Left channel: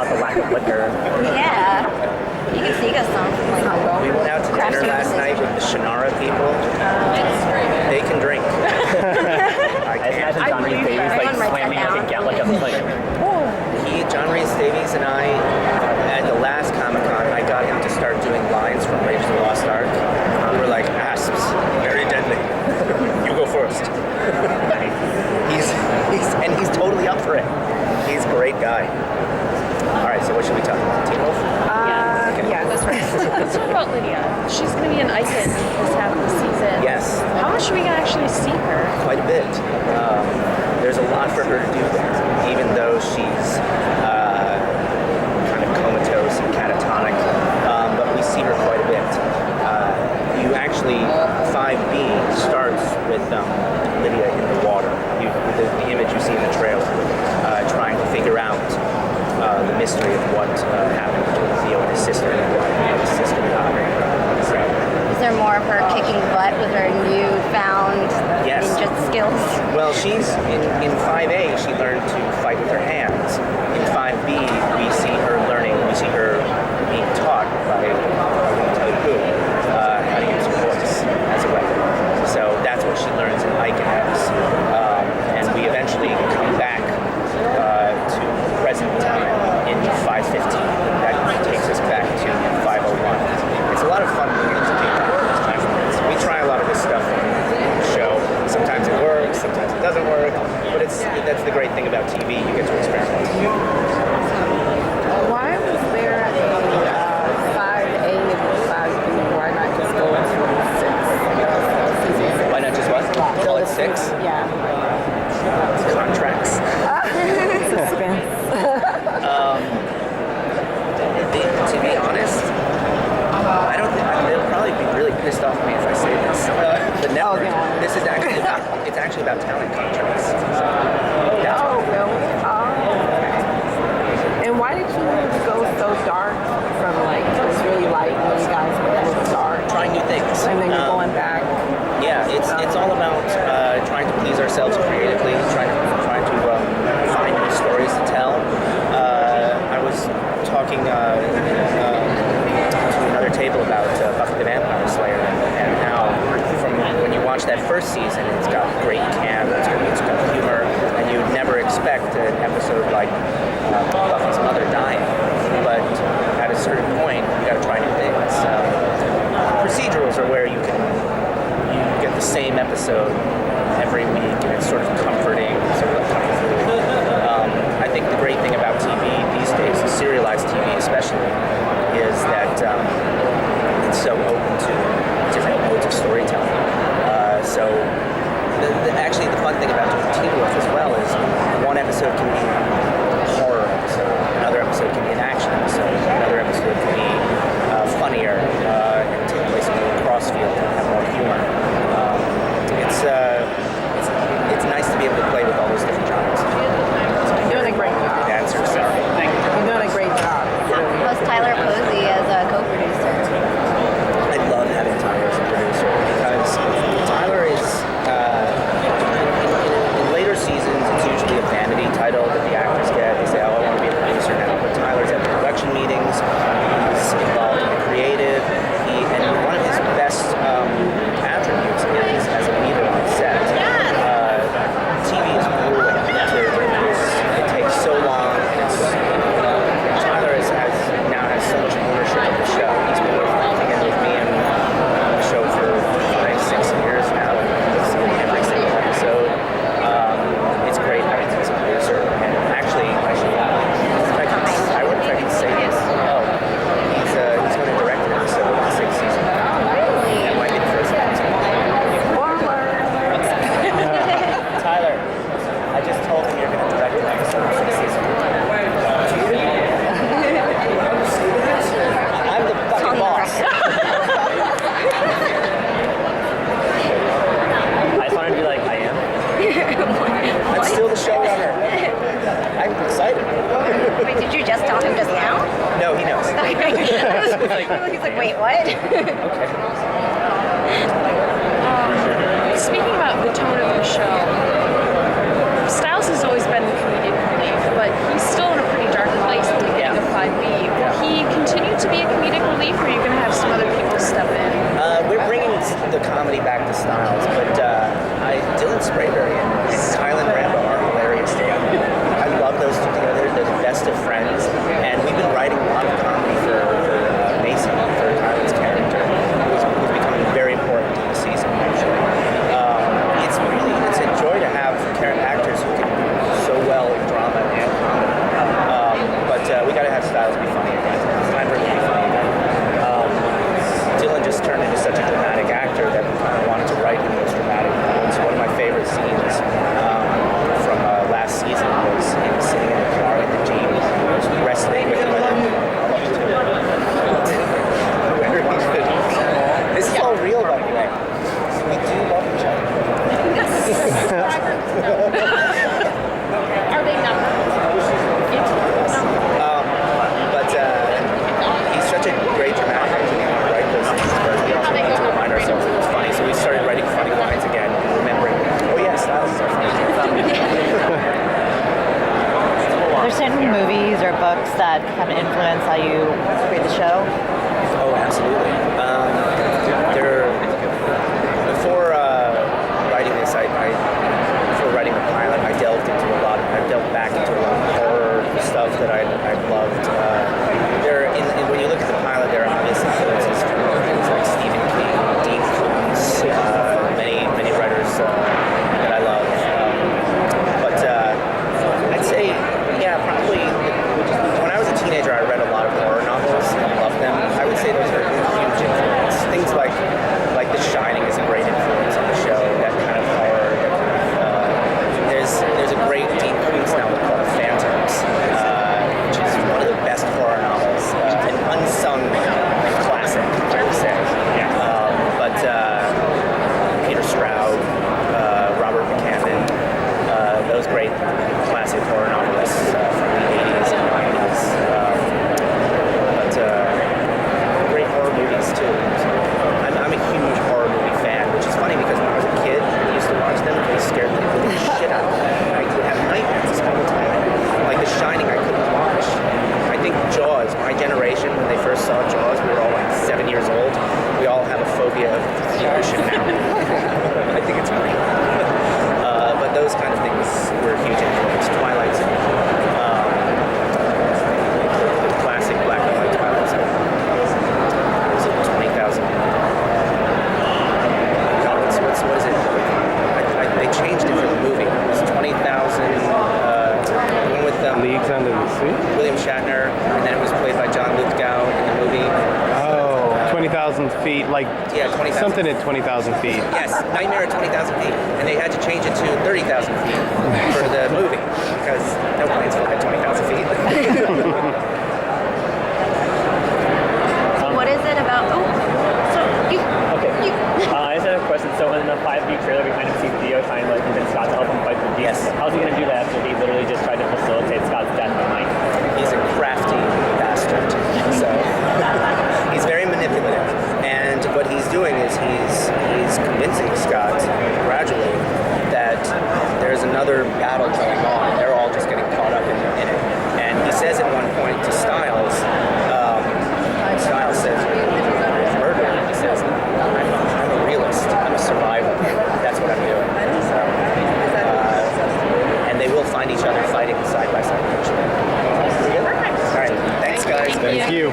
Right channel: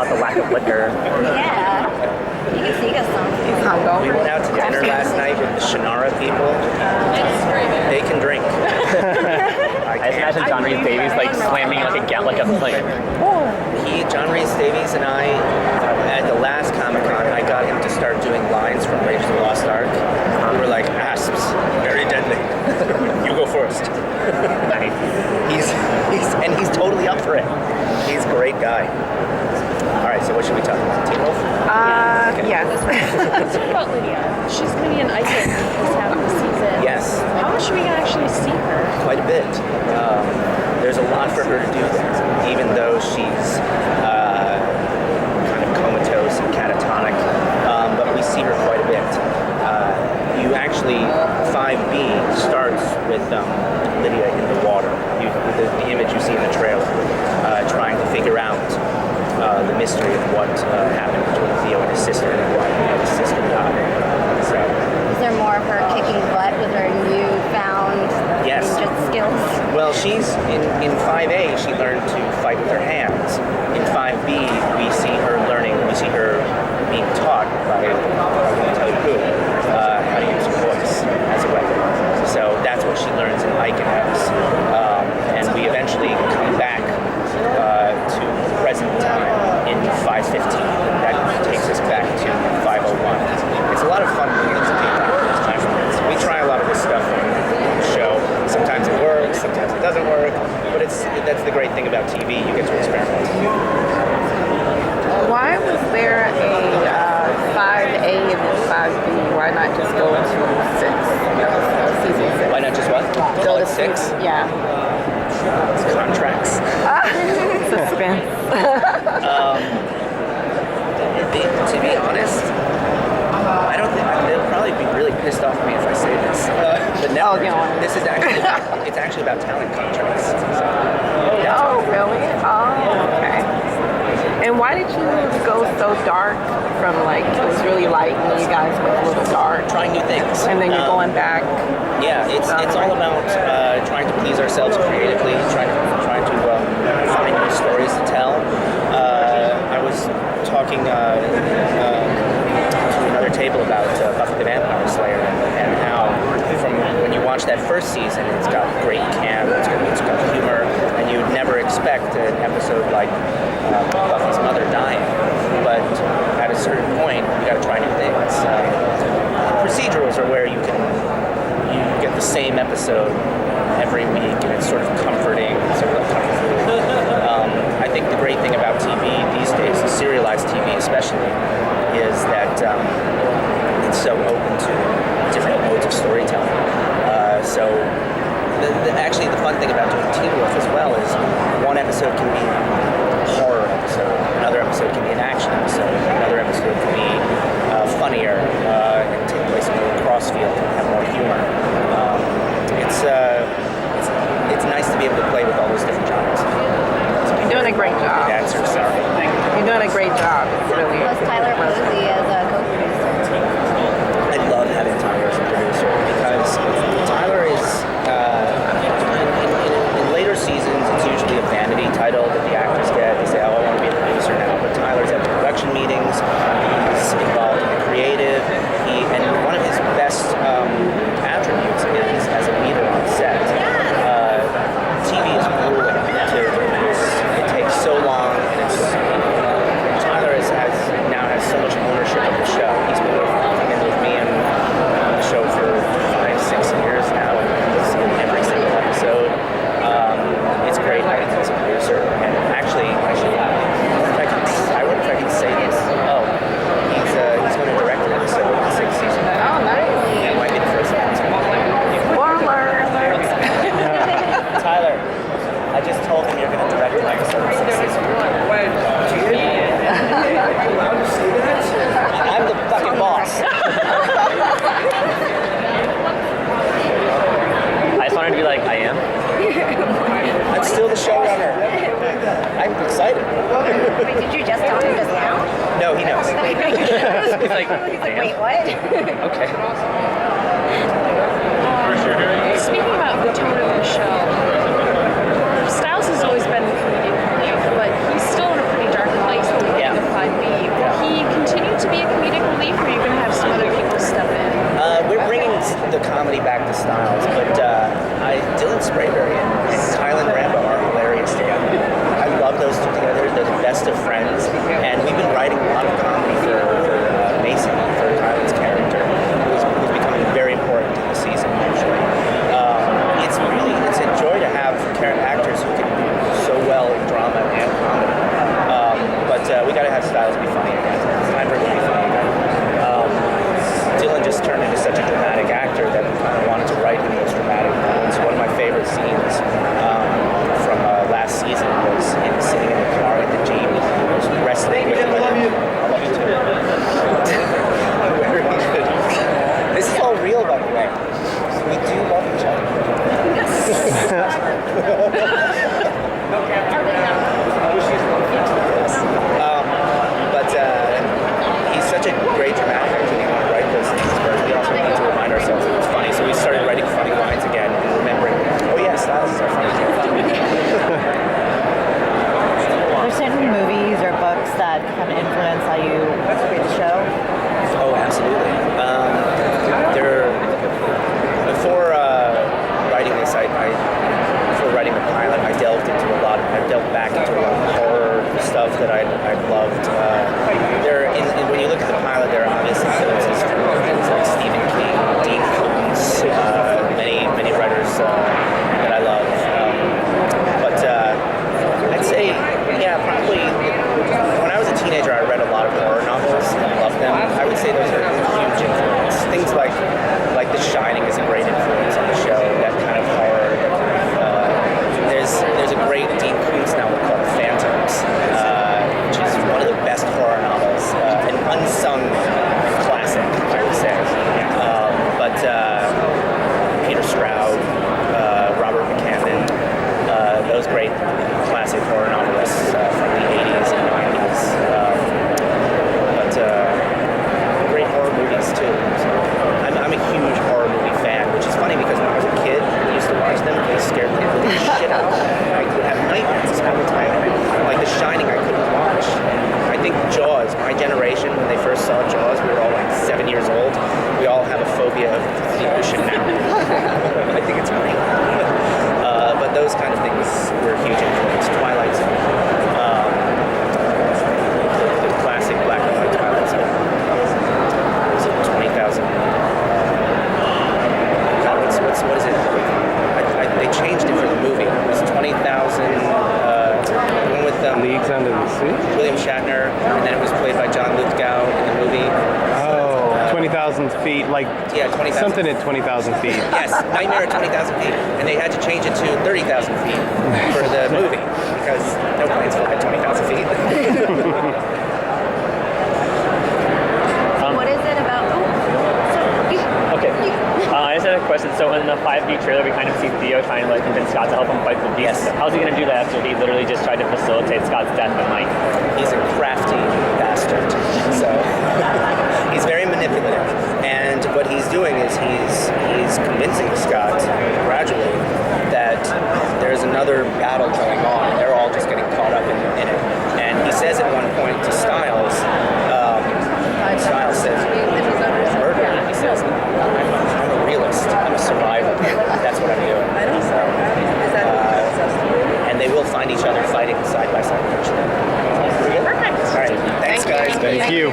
about the lack of liquor. Yeah. You can sneak us some. We went out to dinner last night with the Shannara people. They can drink. I imagine John Rhys Davies like slamming like a plate. John Rhys Davies and I, at the last Comic-Con, I got him to start doing lines from Raiders of the Lost Ark. We were like, asps, very deadly. You go first. He's totally up for it. He's a great guy. All right, so what should we talk about? Teen Wolf? Yeah, that's right. Let's talk about Lydia. She's going to be an icon this half of the season. Yes. How much are we going to actually see her? Quite a bit. There's a lot for her to do there, even though she's kind of comatose and catatonic, but we see her quite a bit. You actually, 5B starts with Lydia in the water. The image you see in the trailer, trying to figure out the mystery of what happened between Theo and his sister and why his sister died. So, Is there more of her kicking butt with her newfound ninja skills? Well, she's in 5A. She learned to fight with her hands. In 5B, we see her being taught by I won't tell you who how to use her voice as a weapon. So that's what she learns in Ike and House. And we eventually come back to present time in 515. That takes us back to 501. It's a lot of fun things to do. We try a lot of this stuff on the show. Sometimes it works, sometimes it doesn't work, but that's the great thing about TV. You get to experiment. Why was there a 5A and 5B? Why not just go into 6? Season 6. Why not just what? Go at 6? Yeah. Contracts. Suspense. To be honest, I don't think they'll probably be really pissed off at me if I say this. The network. This is actually it's actually about talent contracts. So Really? Oh, okay. And why did you go so dark from like it was really light and then you guys went a little dark? Trying new things. And then you're going back. Yeah, it's all about trying to please ourselves creatively, trying to find new stories to tell. I was talking to another table about Buffy the Vampire Slayer and how from when you watch that first season, it's got great camp, it's got humor, and you'd never expect an episode like Buffy's mother dying. But at a certain point, you got to try new things. Procedurals are where you get the same episode every week, and it's sort of comforting, sort of comfort food. I think the great thing about TV these days, serialized TV especially, is that it's so open to different modes of storytelling. So actually the fun thing about doing Teen Wolf as well is one episode can be a horror episode, another episode can be an action episode, another episode can be funnier and take place in a crossfield and have more humor. It's nice to be able to play with all those different genres. You're doing a great job. Answer, sorry. You're doing a great job. Really. Plus Tyler Posey as a co-producer. I love having Tyler as a producer because Tyler is, in later seasons, it's usually a vanity title that the actors get. They say, oh, I want to be a producer now. But Tyler's at the production meetings. He's involved in the creative. And one of his best attributes But Dylan Sprayberry and Kylan Rambo are hilarious together. I love those two together. They're the best of friends, and we've been writing a lot of comedy for Mason, for Kylan's character, who's becoming very important in the season. Actually, it's a joy to have actors who can do so well in drama and comedy. But we got to have Styles be funny again. It's time for him to be funny again. Dylan just turned into such a dramatic actor that we kind of wanted to write him those dramatic moments. One of my favorite scenes from last season was him sitting in the car at the Jeep, wrestling with women. This is all real, by the way. We do love each other. He's such a great dramatic actor. We want to write those things, but we also wanted to remind ourselves that it's funny. So we started writing funny lines again and remembering, oh yeah, Styles is our funny guy. Are there certain movies or books that kind of influence how you create the show? Oh, absolutely. Before writing this, before writing the pilot, I delved back into a lot of horror stuff that I loved. When you look at the pilot, there are obvious influences from things like Stephen King, Dean Koontz, many writers that I love. But I'd say, yeah, probably when I was a teenager, I read a lot of horror novels and loved them. I would say those are a huge influence. Things like The Shining is a great influence on the show. That kind of horror. There's a great Dean Koontz novel called Phantoms, which is one of the best horror novels, an unsung classic, I would say. But Peter Stroud, Robert McCandon, those great classic horror novelists from the 80s and 90s. But great horror movies too. So I'm a huge horror movie fan, which is funny because when I was a kid and used to watch them, they scared the shit out of me. I would have nightmares all the time. Like The Shining, I couldn't watch. I think Jaws, my generation, when they first saw Jaws, we were all like 7 years old. We all have a phobia of the ocean now. I think it's funny. But those kind of things were a huge influence. Twilight Zone. The classic black and white Twilight Zone. Was it 20,000? What is it? They changed it for the movie. It was 20,000. The one with Leagues Under the Sea? William Shatner, and then it was played by John Lithgow in the movie. Oh, 20,000 feet, like Yeah, 20,000. something at 20,000 feet. Yes, Nightmare at 20,000 feet. And they had to change it to 30,000 feet for the movie because no planes fly at 20,000 feet. What is it about? Oh, so you. Okay. I just had a question. So in the 5D trailer, we kind of see Theo trying to convince Scott to help him fight the beast. Yes. How's he going to do that after he literally just tried to facilitate Scott's death and like? He's a crafty bastard. So he's very manipulative. And what he's doing is he's convincing Scott gradually that there's another battle going on. They're all just getting caught up in it. And he says at one point to Styles, Styles says, murder. He says, I'm a realist. I'm a survivor. That's what I'm doing. So, and they will find each other fighting side by side eventually. All right. Thanks, guys. Thank you.